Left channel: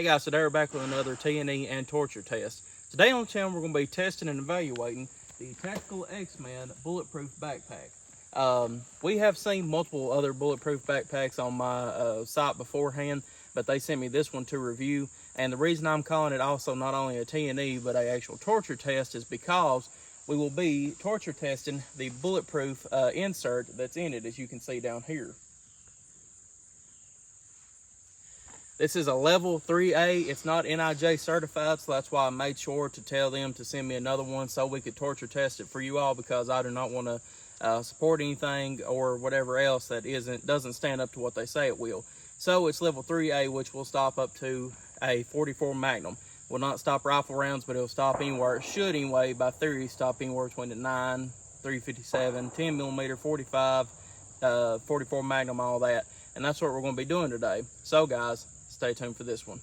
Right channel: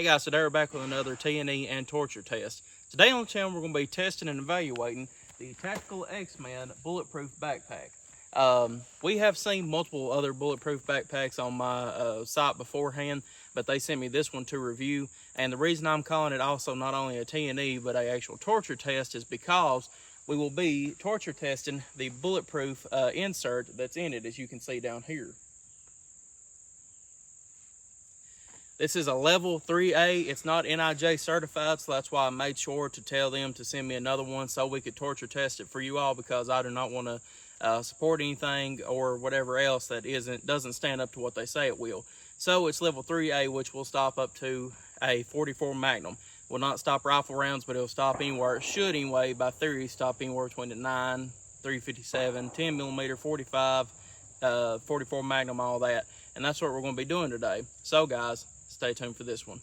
Hey guys, today we're back with another T&E and torture test. Today on the channel we're going to be testing and evaluating the TacticalXMen Bulletproof backpack. We have seen multiple other bulletproof backpacks on my site beforehand, but they sent me this one to review. And the reason I'm calling it also not only a T&E but an actual torture test is because we will be torture testing the bulletproof insert that's in it, as you can see down here. This is a level 3A. It's not NIJ certified, so that's why I made sure to tell them to send me another one so we could torture test it for you all, because I do not want to support anything or whatever else that doesn't stand up to what they say it will. So it's level 3A, which will stop up to a 44 Magnum. Will not stop rifle rounds, but it'll stop anywhere. It should anyway, by theory, stop anywhere between the 9, 357, 10 millimeter, 45, 44 Magnum, all that. And that's what we're going to be doing today. So guys, stay tuned for this one.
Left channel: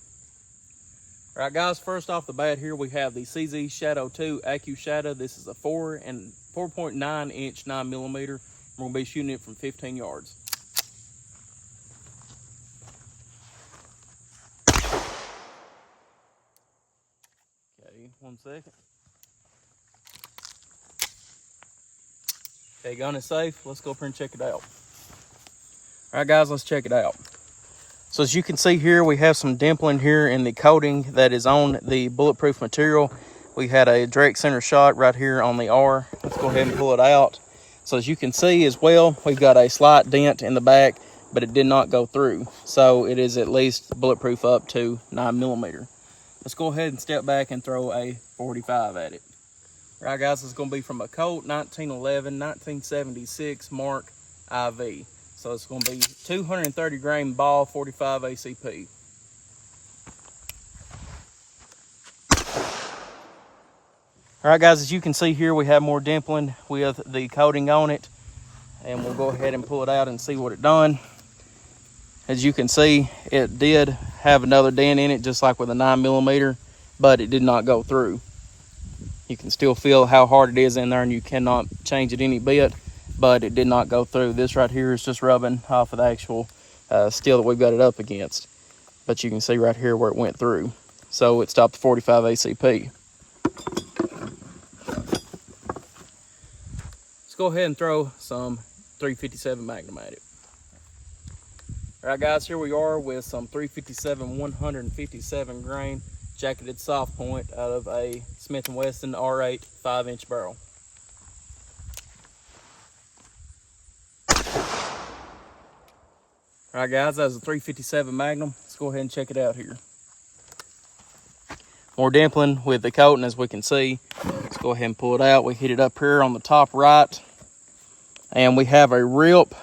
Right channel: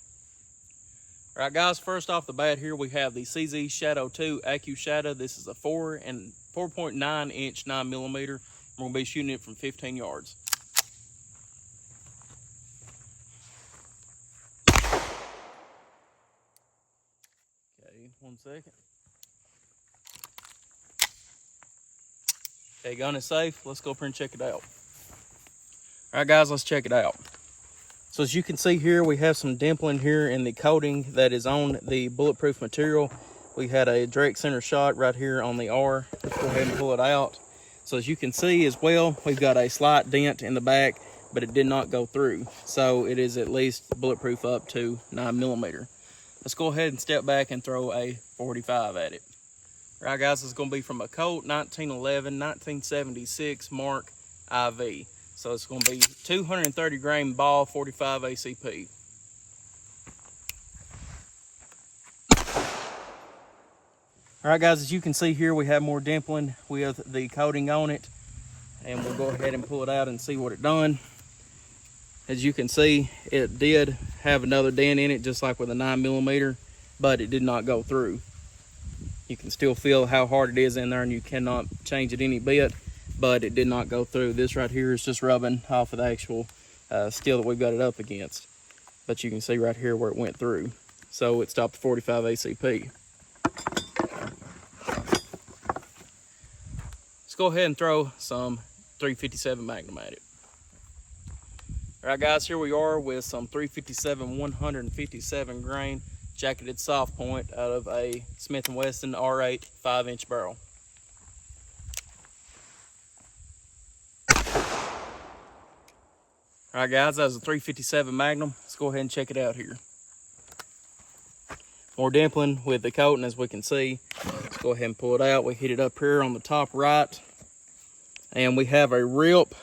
All right, guys, first off the bat here, we have the CZ Shadow 2 Accu Shadow. This is a 4.9 inch 9 millimeter. We're going to be shooting it from 15 yards. Okay, 1 second. Okay, gun is safe. Let's go up here and check it out. All right, guys, let's check it out. So as you can see here, we have some dimpling here in the coating that is on the bulletproof material. We had a direct center shot right here on the R. Let's go ahead and pull it out. So as you can see as well, we've got a slight dent in the back, but it did not go through. So it is at least bulletproof up to 9 millimeter. Let's go ahead and step back and throw a 45 at it. All right, guys, it's going to be from a Colt 1911-1976 Mark IV. So it's going to be 230 grain ball, 45 ACP. All right, guys, as you can see here, we have more dimpling with the coating on it. And we'll go ahead and pull it out and see what it done. As you can see, it did have another dent in it, just like with a 9 millimeter, but it did not go through. You can still feel how hard it is in there, and you cannot change it any bit. But it did not go through. This right here is just rubbing off of the actual steel that we've got it up against. But you can see right here where it went through. So it stopped at 45 ACP. Let's go ahead and throw some 357 Magnum at it. All right, guys, here we are with some 357 157 grain jacketed soft point out of a Smith & Wesson R8 5-inch barrel. All right, guys, that was a 357 Magnum. Let's go ahead and check it out here. More dimpling with the coating, as we can see. Let's go ahead and pull it out. We hit it up here on the top right, and we have a rip.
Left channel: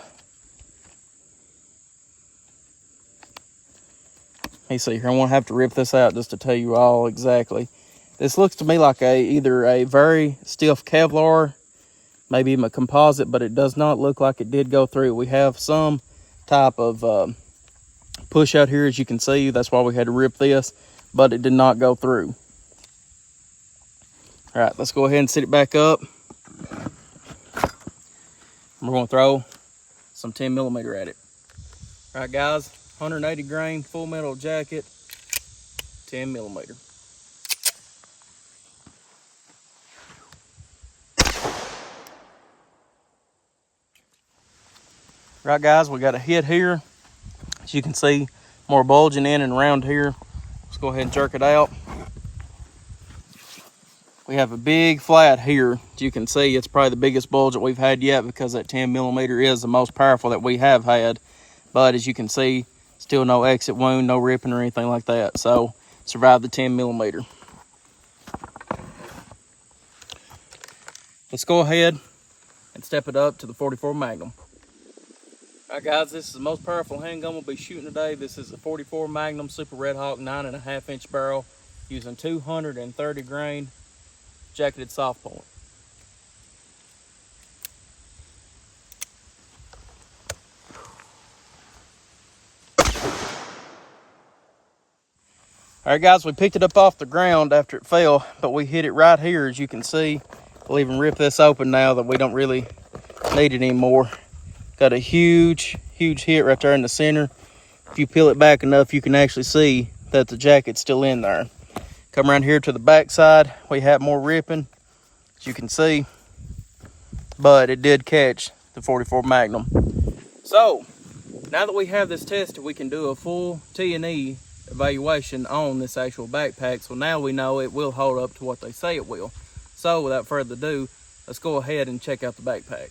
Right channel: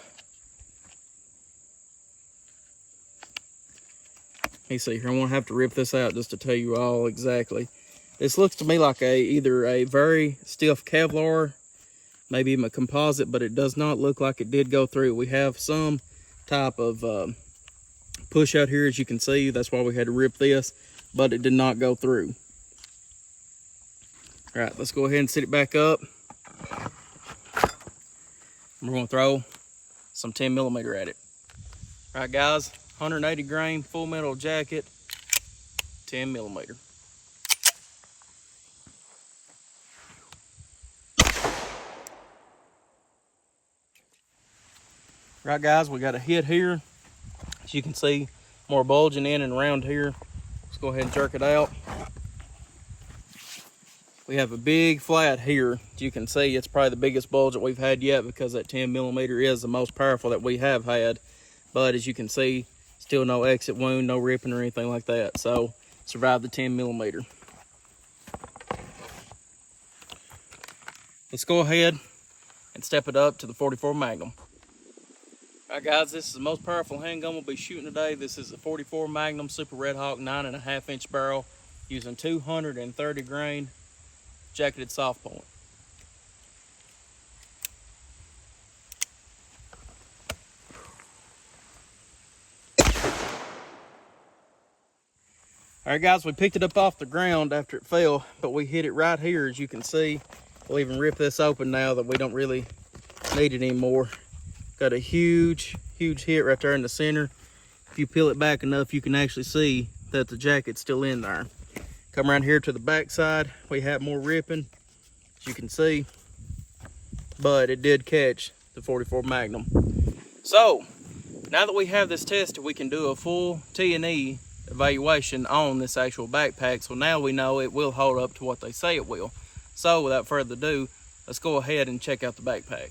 Let me see here. I'm gonna have to rip this out just to tell you all exactly. This looks to me like either a very stiff Kevlar, maybe even a composite, but it does not look like it did go through. We have some type of push out here, as you can see. That's why we had to rip this, but it did not go through. All right, let's go ahead and sit it back up. We're going to throw some 10 millimeter at it. All right, guys, 180 grain full metal jacket, 10 millimeter. Right, guys, we got a hit here. As you can see, more bulging in and around here. Let's go ahead and jerk it out. We have a big flat here. As you can see, it's probably the biggest bulge that we've had yet, because that 10 millimeter is the most powerful that we have had. But as you can see, still no exit wound, no ripping or anything like that. So survived the 10 millimeter. Let's go ahead and step it up to the 44 Magnum. All right, guys, this is the most powerful handgun we'll be shooting today. This is a 44 Magnum Super Red Hawk 9.5 inch barrel using 230 grain jacketed soft point. All right, guys, we picked it up off the ground after it fell, but we hit it right here, as you can see. We'll even rip this open now that we don't really need it anymore. Got a huge hit right there in the center. If you peel it back enough, you can actually see that the jacket's still in there. Come around here to the back side, we have more ripping, as you can see, but it did catch the 44 Magnum. So now that we have this tested, we can do a full T&E evaluation on this actual backpack. So now we know it will hold up to what they say it will. So without further ado, let's go ahead and check out the backpack.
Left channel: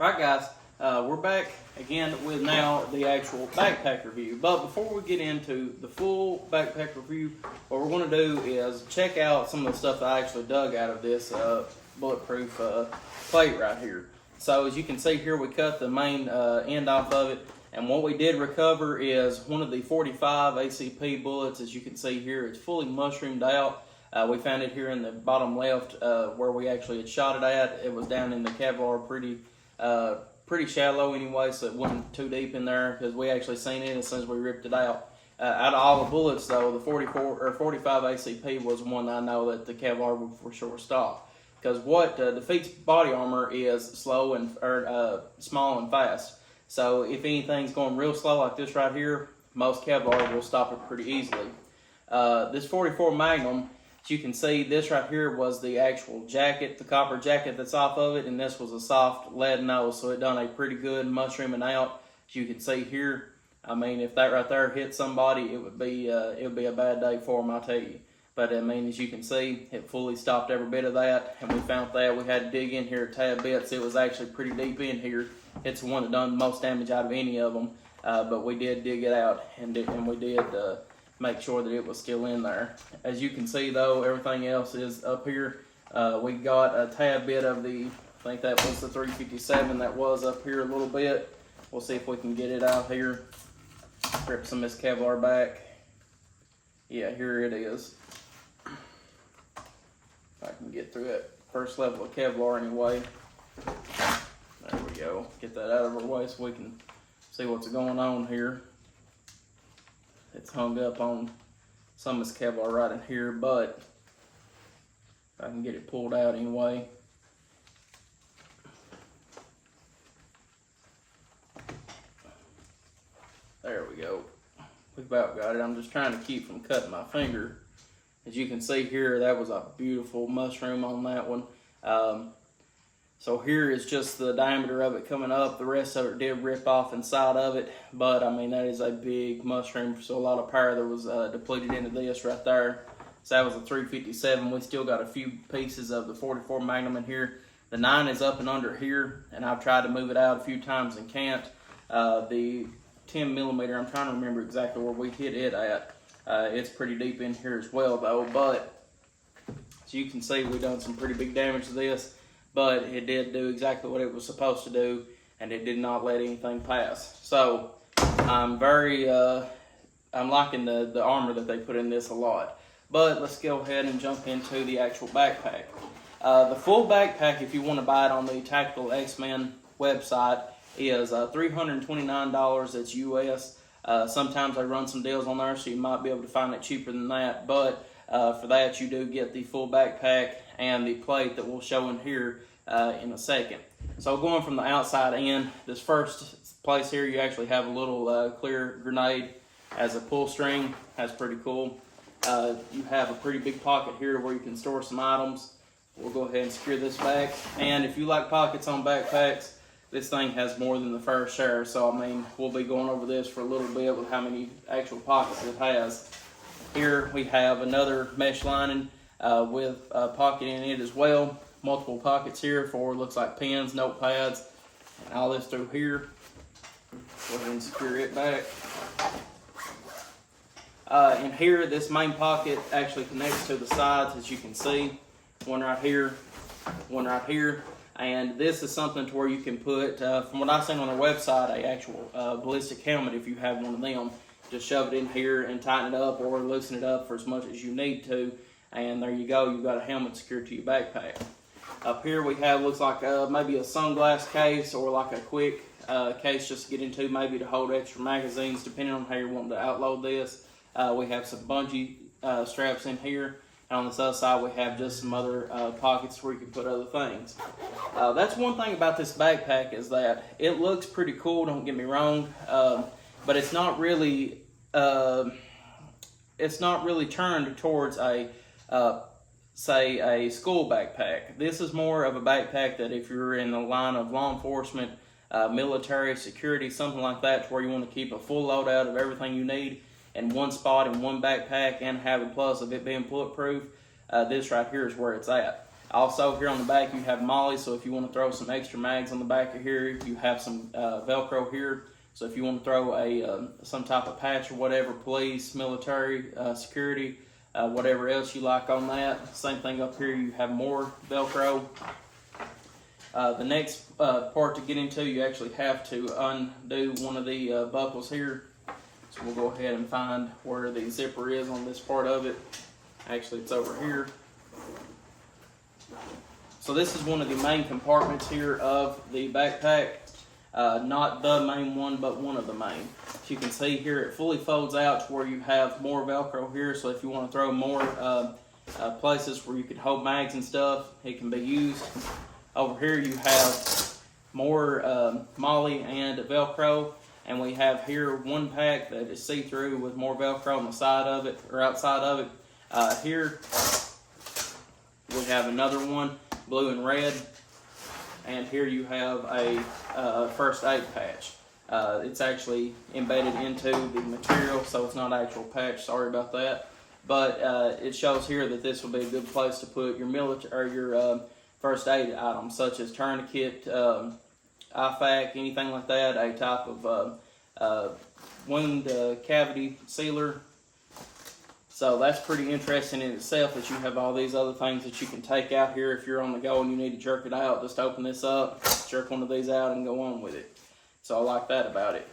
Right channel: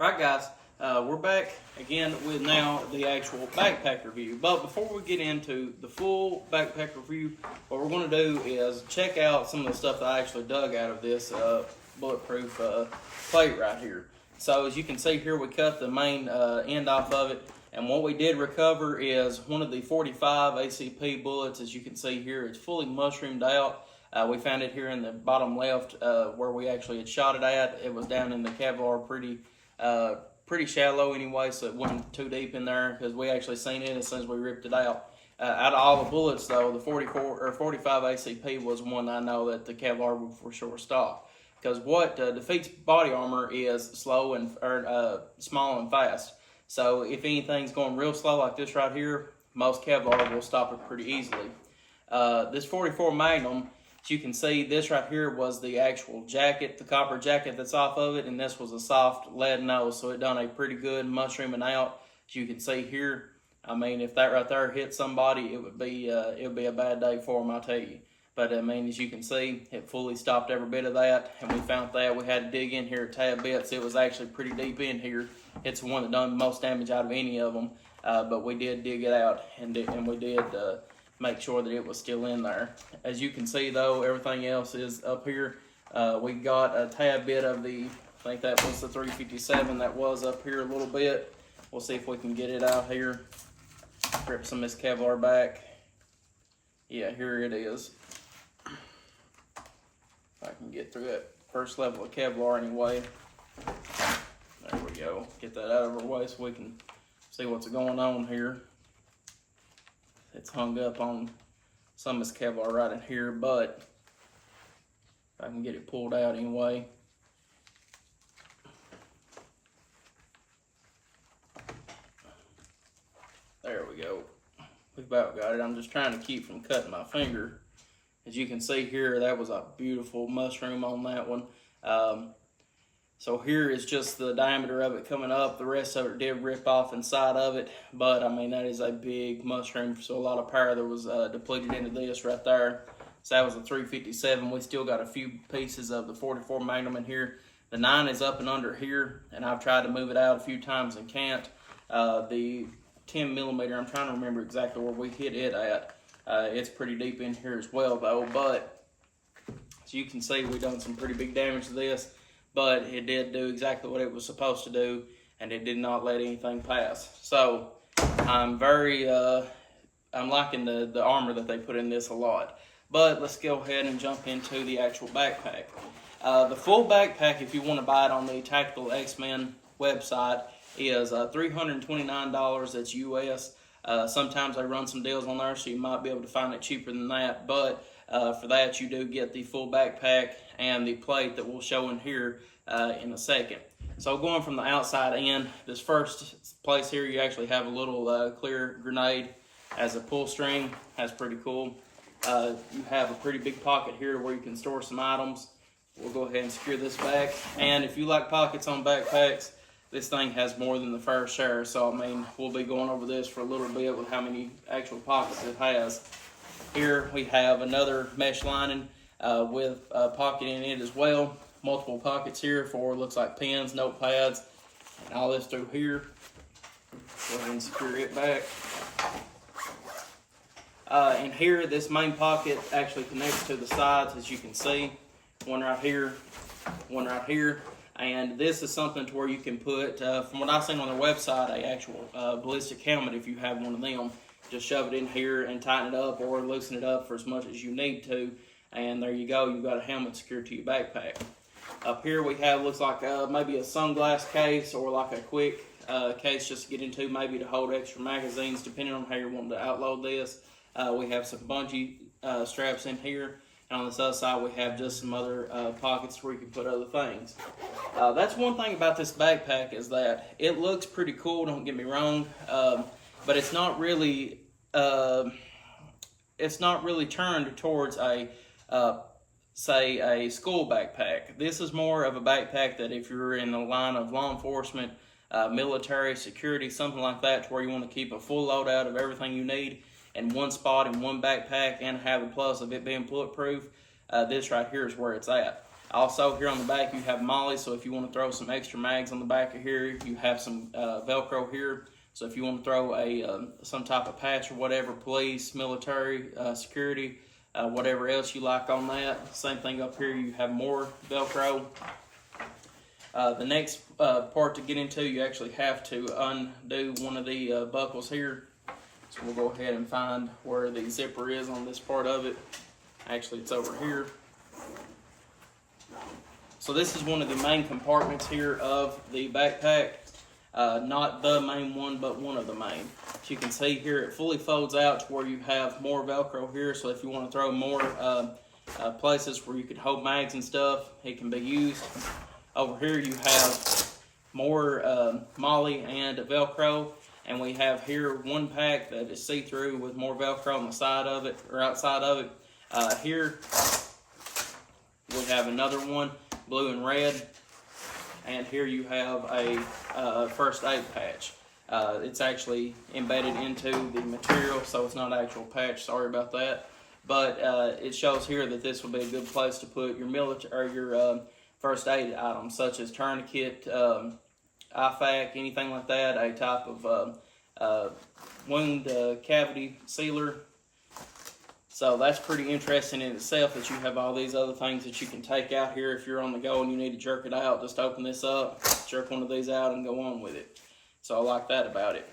All right, guys, we're back again with now the actual backpack review. But before we get into the full backpack review, what we're going to do is check out some of the stuff that I actually dug out of this bulletproof plate right here. So as you can see here, we cut the main end off of it, and what we did recover is one of the 45 ACP bullets. As you can see here, it's fully mushroomed out. We found it here in the bottom left where we actually had shot it at. It was down in the Kevlar pretty shallow anyway, so it wasn't too deep in there because we actually seen it as soon as we ripped it out. Out of all the bullets though, the 44 or 45 ACP was one I know that the Kevlar would for sure stop. Because what defeats body armor is slow and small and fast. So if anything's going real slow like this right here, most Kevlar will stop it pretty easily. This 44 Magnum, as you can see, this right here was the actual jacket, the copper jacket that's off of it, and this was a soft lead nose, so it done a pretty good mushrooming out. As you can see here, I mean, if that right there hit somebody, it would be a bad day for them, I tell you. But I mean, as you can see, it fully stopped every bit of that, and we found that we had to dig in here a tad bit, so it was actually pretty deep in here. It's the one that done the most damage out of any of them, but we did dig it out, and we did make sure that it was still in there. As you can see though, everything else is up here. We got a tad bit of the, I think that was the 357 that was up here a little bit. We'll see if we can get it out here. Rip some of this Kevlar back. Yeah, here it is. If I can get through that first level of Kevlar anyway. There we go. Get that out of our way so we can see what's going on here. It's hung up on some of this Kevlar right in here, but if I can get it pulled out anyway. There we go. We've about got it. I'm just trying to keep from cutting my finger. As you can see here, that was a beautiful mushroom on that one. So here is just the diameter of it coming up. The rest of it did rip off inside of it, but I mean, that is a big mushroom, so a lot of power that was depleted into this right there. So that was a 357. We still got a few pieces of the 44 Magnum in here. The 9 is up and under here, and I've tried to move it out a few times and can't. The 10 millimeter, I'm trying to remember exactly where we hit it at. It's pretty deep in here as well though, but as you can see, we've done some pretty big damage to this. But it did do exactly what it was supposed to do, and it did not let anything pass. So I'm I'm liking the armor that they put in this a lot. But let's go ahead and jump into the actual backpack. The full backpack, if you want to buy it on the TacticalXMen website, is $329. That's US. Sometimes they run some deals on there, so you might be able to find it cheaper than that. But for that, you do get the full backpack and the plate that we'll show in here in a second. So going from the outside in, this first place here, you actually have a little clear grenade as a pull string. That's pretty cool. You have a pretty big pocket here where you can store some items. We'll go ahead and secure this back. And if you like pockets on backpacks, this thing has more than the fair share. So I mean, we'll be going over this for a little bit with how many actual pockets it has. Here we have another mesh lining with a pocket in it as well. Multiple pockets here for, looks like pens, notepads, and all this through here. Go ahead and secure it back. And here, this main pocket actually connects to the sides, as you can see. One right here, one right here. And this is something to where you can put, from what I've seen on their website, a actual ballistic helmet if you have one of them. Just shove it in here and tighten it up or loosen it up for as much as you need to. And there you go, you've got a helmet secured to your backpack. Up here we have, looks like maybe a sunglass case or like a quick case just to get into, maybe to hold extra magazines, depending on how you're wanting to outload this. We have some bungee straps in here. And on this other side, we have just some other pockets where you can put other things. That's one thing about this backpack is that it looks pretty cool, don't get me wrong, but it's not really, it's not really turned towards a say a school backpack. This is more of a backpack that if you're in the line of law enforcement, military, security, something like that, to where you want to keep a full loadout of everything you need in one spot in one backpack and have a plus of it being bulletproof. This right here is where it's at. Also, here on the back you have molly, so if you want to throw some extra mags on the back of here, you have some Velcro here. So if you want to throw a some type of patch or whatever, police, military, security, whatever else you like on that. Same thing up here, you have more Velcro. The next part to get into, you actually have to undo one of the buckles here. So we'll go ahead and find where the zipper is on this part of it. Actually, it's over here. So this is one of the main compartments here of the backpack. Not the main one, but one of the main. As you can see here, it fully folds out to where you have more Velcro here. So if you want to throw more places where you can hold mags and stuff, it can be used. Over here you have more molly and Velcro. And we have here one pack that is see-through with more Velcro on the side of it, or outside of it. Here we have another one, blue and red. And here you have a first aid patch. It's actually embedded into the material, so it's not an actual patch. Sorry about that. But it shows here that this will be a good place to put your military or your first aid items, such as tourniquet, IFAC, anything like that. A type of wound cavity sealer. So that's pretty interesting in itself, that you have all these other things that you can take out here if you're on the go and you need to jerk it out. Just open this up, jerk one of these out, and go on with it. So I like that about it.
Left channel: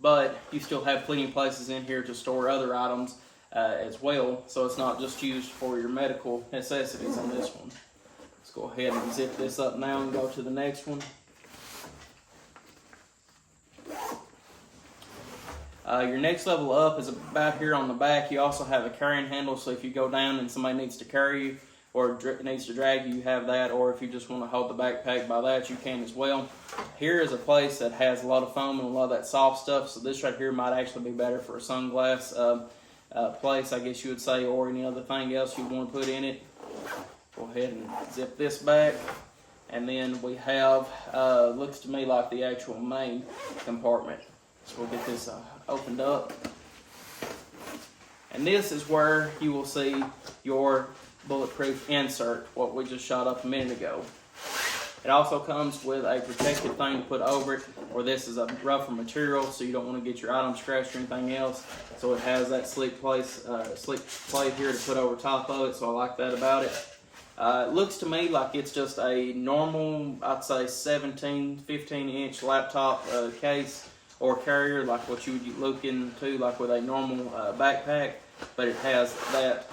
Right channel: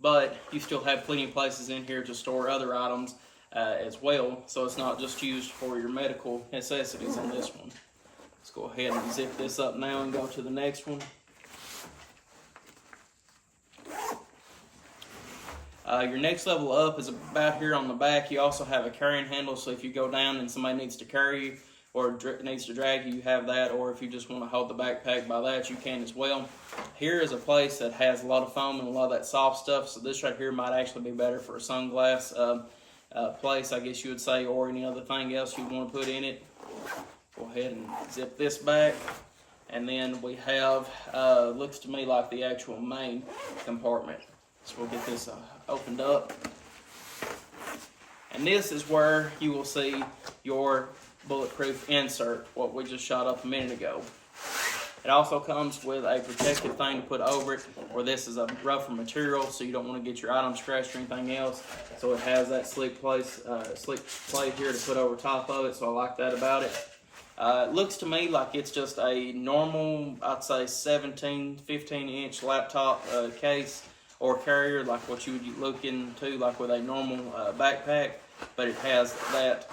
But you still have plenty of places in here to store other items as well. So it's not just used for your medical necessities on this one. Let's go ahead and zip this up now and go to the next one. Your next level up is about here on the back. You also have a carrying handle, so if you go down and somebody needs to carry you or needs to drag you, you have that. Or if you just want to hold the backpack by that, you can as well. Here is a place that has a lot of foam and a lot of that soft stuff, so this right here might actually be better for a sunglass place, I guess you would say, or any other thing else you want to put in it. Go ahead and zip this back. And then we have, looks to me like the actual main compartment. So we'll get this opened up. And this is where you will see your bulletproof insert, what we just shot up a minute ago. It also comes with a protective thing to put over it, where this is a rougher material, so you don't want to get your item scratched or anything else. So it has that sleek plate here to put over top of it, so I like that about it. It looks to me like it's just a normal, I'd say 15 inch laptop case or carrier, like what you would look into like with a normal backpack, but it has that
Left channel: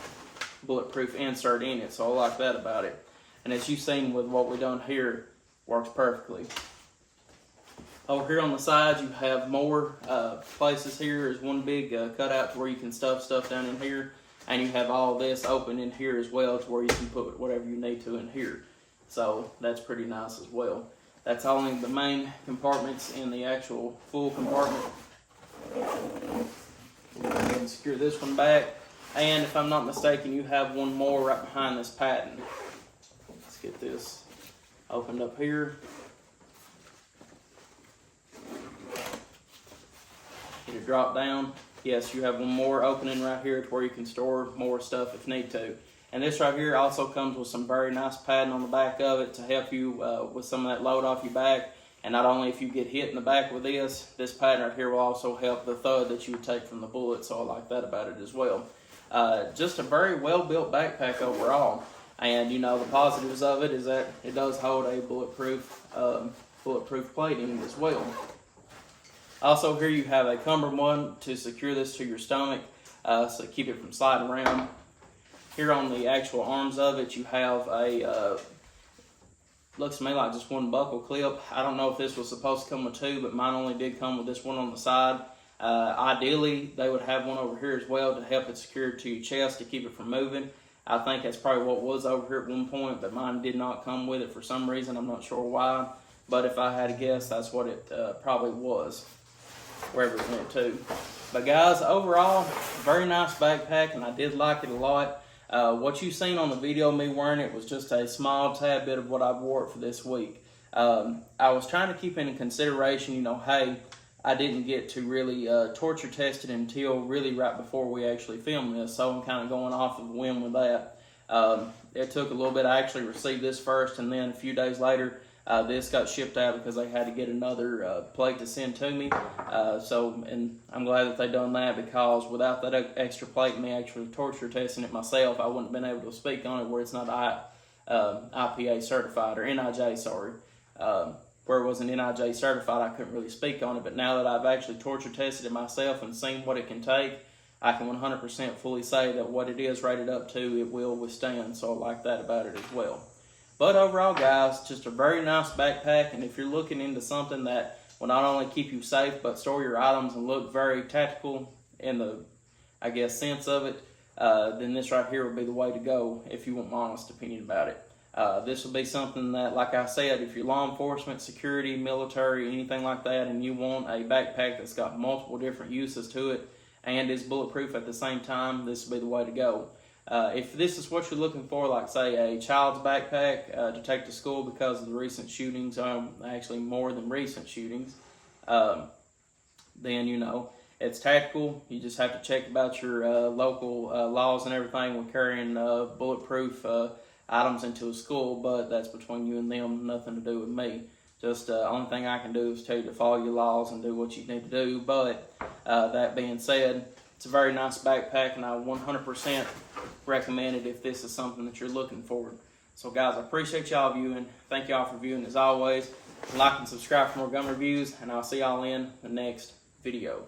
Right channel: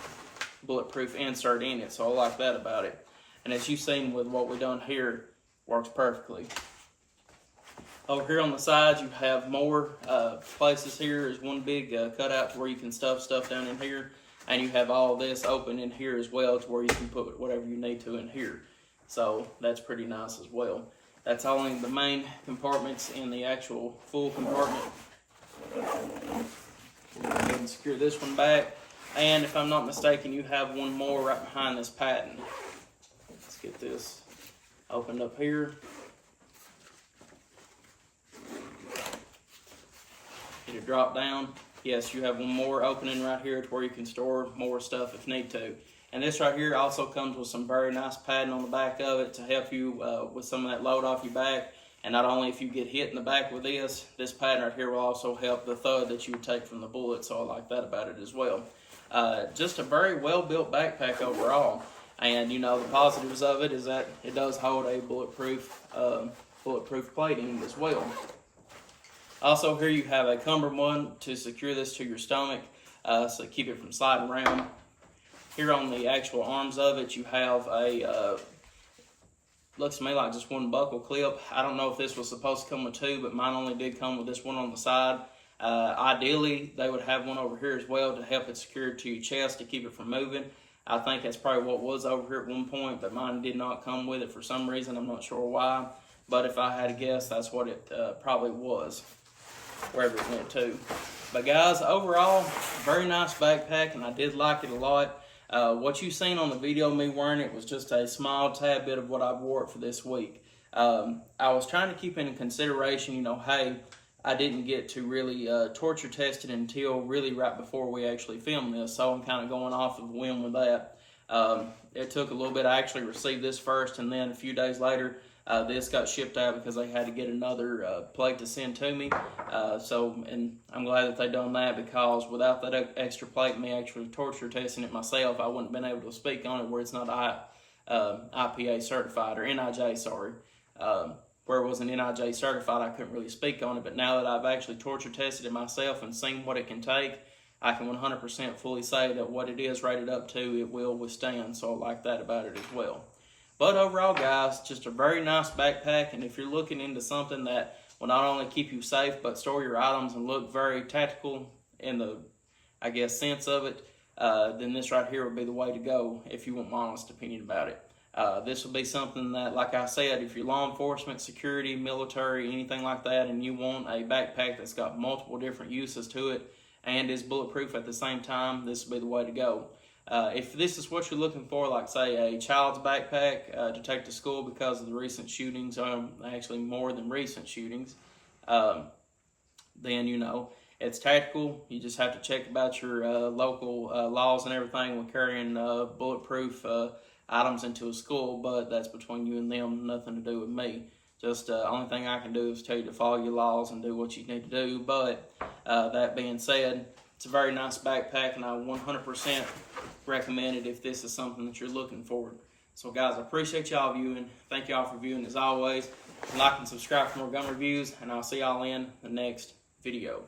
bulletproof insert in it, so I like that about it. And as you've seen with what we've done here, works perfectly. Over here on the sides, you have more places. Here is one big cutout to where you can stuff stuff down in here, and you have all this open in here as well, to where you can put whatever you need to in here. So that's pretty nice as well. That's only the main compartments in the actual full compartment. Go ahead and secure this one back. And if I'm not mistaken, you have one more right behind this patent. Let's get this opened up here. Get it drop down. Yes, you have one more opening right here to where you can store more stuff if need to. And this right here also comes with some very nice padding on the back of it to help you with some of that load off your back. And not only if you get hit in the back with this padding right here will also help the thud that you would take from the bullet. So I like that about it as well. Just a very well built backpack overall. And you know, the positives of it is that it does hold a bulletproof plating as well. Also here you have a cummerbund to secure this to your stomach, so keep it from sliding around. Here on the actual arms of it, you have a, looks to me like just one buckle clip. I don't know if this was supposed to come with two, but mine only did come with this one on the side. Ideally, they would have one over here as well to help it secure to your chest to keep it from moving. I think that's probably what was over here at one point, but mine did not come with it for some reason. I'm not sure why, but if I had to guess, that's what it probably was, wherever it went to. But guys, overall, very nice backpack, and I did like it a lot. What you seen on the video of me wearing it was just a small tad bit of what I wore it for this week. I was trying to keep in consideration, you know, hey, I didn't get to really torture test it until really right before we actually filmed this, so I'm kind of going off of a whim with that. It took a little bit. I actually received this first, and then a few days later, this got shipped out because they had to get another plate to send to me. And I'm glad that they done that, because without that extra plate and me actually torture testing it myself, I wouldn't have been able to speak on it where it's not IPA certified, or NIJ, sorry. Where it wasn't NIJ certified, I couldn't really speak on it. But now that I've actually torture tested it myself and seen what it can take, I can 100% fully say that what it is rated up to, it will withstand. So I like that about it as well. But overall, guys, just a very nice backpack. And if you're looking into something that will not only keep you safe, but store your items and look very tactical in the, I guess, sense of it, then this right here would be the way to go if you want my honest opinion about it. This will be something that, like I said, if you're law enforcement, security, military, anything like that, and you want a backpack that's got multiple different uses to it and is bulletproof at the same time, this will be the way to go. If this is what you're looking for, like say a child's backpack to take to school because of the recent shootings, actually more than recent shootings, then you know it's tactical. You just have to check about your local laws and everything with carrying bulletproof items into a school, but that's between you and them, nothing to do with me. Just the only thing I can do is tell you to follow your laws and do what you need to do. But that being said, it's a very nice backpack, and I 100% recommend it if this is something that you're looking for. So guys, I appreciate y'all viewing. Thank y'all for viewing as always. Like and subscribe for more gun reviews, and I'll see y'all in the next video.